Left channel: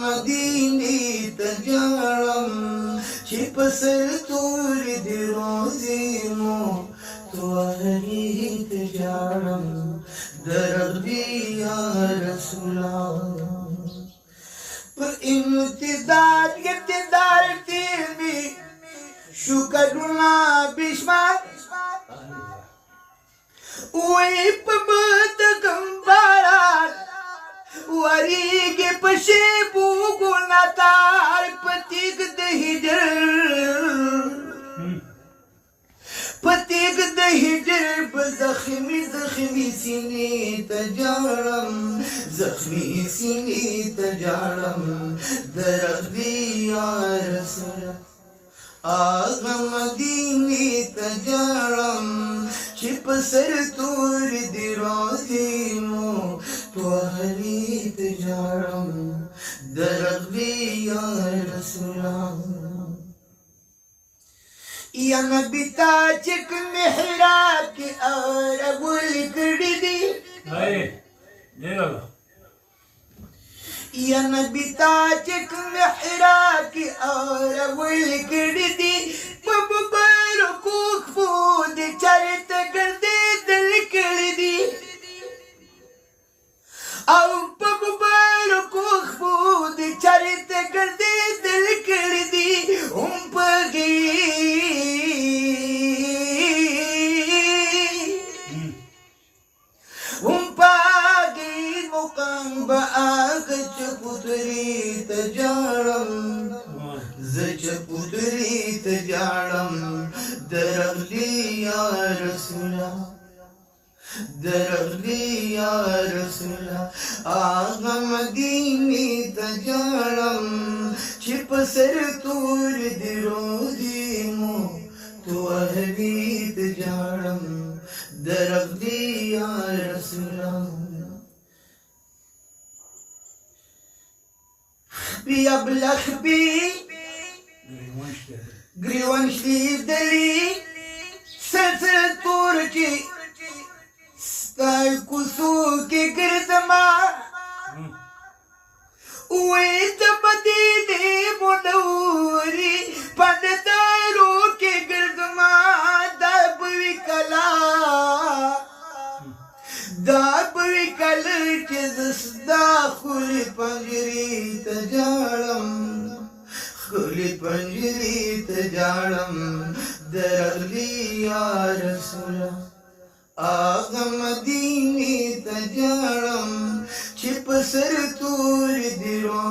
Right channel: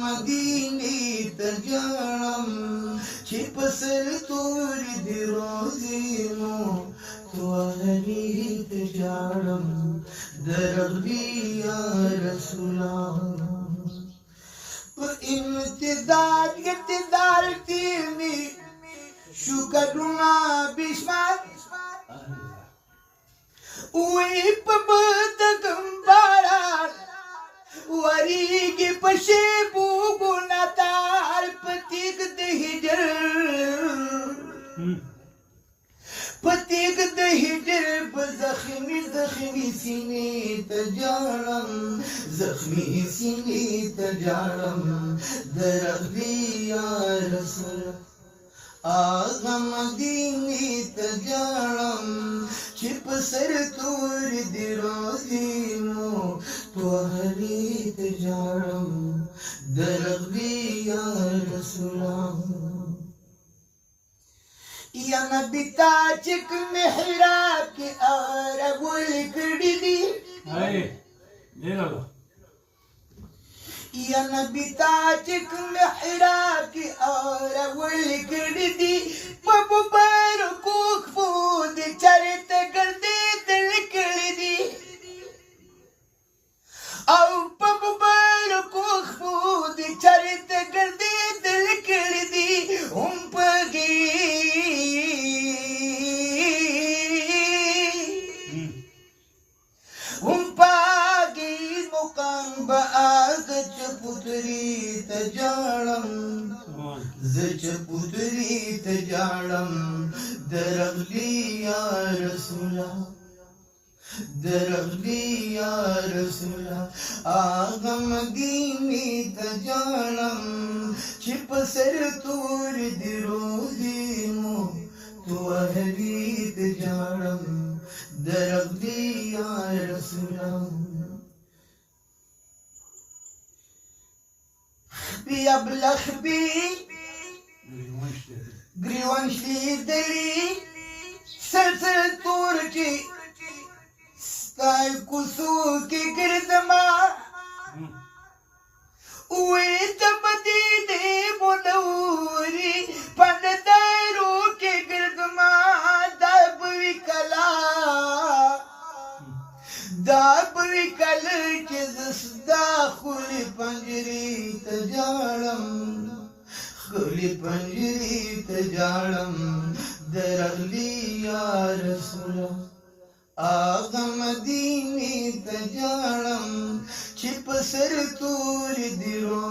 مدينة تجارم شبسر طول دروزينو توهري تجارم درغي يا رسول الله امتداد تيمي شكرنا بشمال ويبمت گمبارات وریگی پشی بوگونا تار پتیگ دهیجر بزخمی سینی تجارم زخمی سینی تجارم درغی یا رسول آغا مدینی تجارم چپ سر تور دی روزینو توهری تجارم درغی یا رسول اللہ یا نبی تاچک محراب کی آرگل کڑی دی یا نبی تاچک محراب کی آرگل کڑی دی مبارکو خفود چرت گردی دل کڑی دی او مبارکو خفود چرت گردی دل کڑی دی پگی مقام باغ چپتری تجارم زچپتری تجارم درغلی یا رسولا درغلی یا رسولا آغا مدینی تجارم چپ سر تور دروزینو تو اہلی تجارم درغلی یا رسولا بی ابلخ بی گریوانشلی دلی سر تور کی ستای کسو کی گردما اوی تبدی دی منوری پندارو کی گردما دابوی کل چیزس دا خولی پنجری تجارم خولی پنجری تجارم درغلی یا رسول آغا مدینی تجارم چپ سر تور دیرو